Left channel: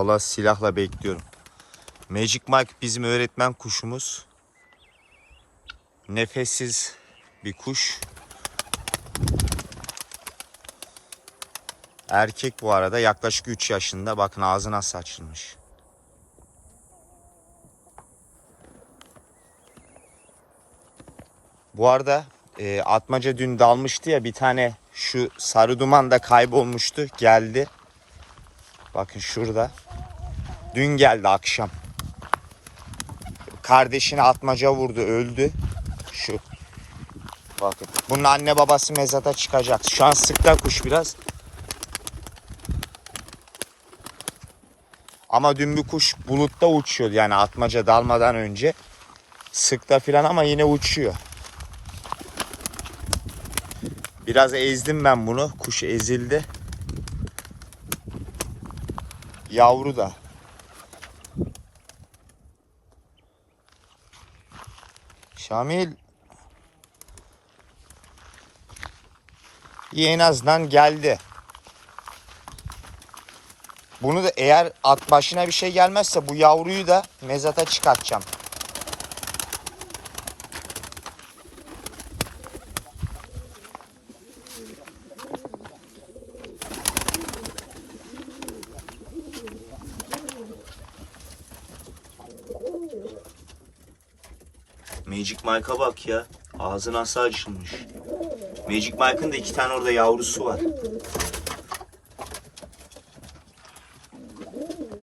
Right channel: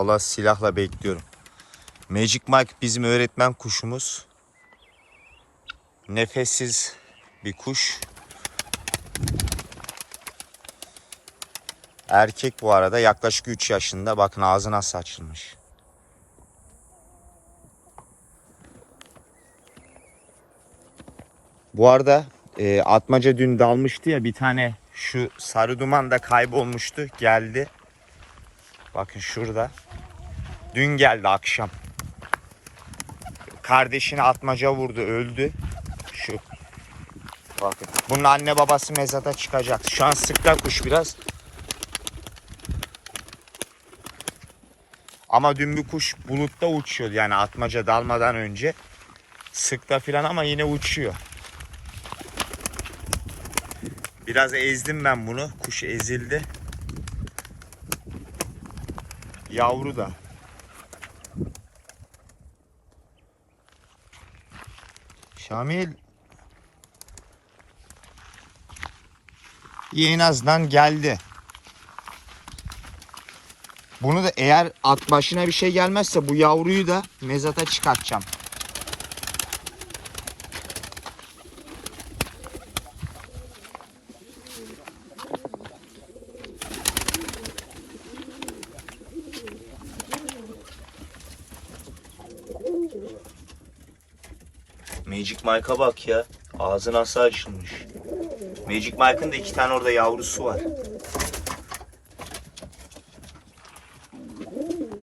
Valla silahla bekliyorum. Magic Mike bizim öğretmen kuşumuz. Nefessiz bir kuş. Erkek bu arada yaklaşık 3 yaşında. Bakın ağzı nasıl açılmış. Bu arada e, atmaca dün dalmıştı ya bir tane şu sarı duman da kaybolmuştu. Geldi. Bakın şurada. Dün geldi akşam. Kardeşini atmaca vurdu öldü. Şu. Bakın. Bunun anne babası mezata çıkacak. Şu an sıkta kuş biraz. Ama dün bir kuş bulutta uçuyordu yani atmaca dalmadan önce. Sıkta filan ama yine uçuyor. Biraz ezdim ben bunu. Kuş ezildi. Yavru da. Şamil. İyi en azından geldi. Bunu da eğer at başına bir şey gelmezse bu yavruyu da mezata çıkartacağım. Magic Mike'a bak ya. Ağzı nasıl açılmış. Magic Mike'ın da iki tane orada yavrusu var.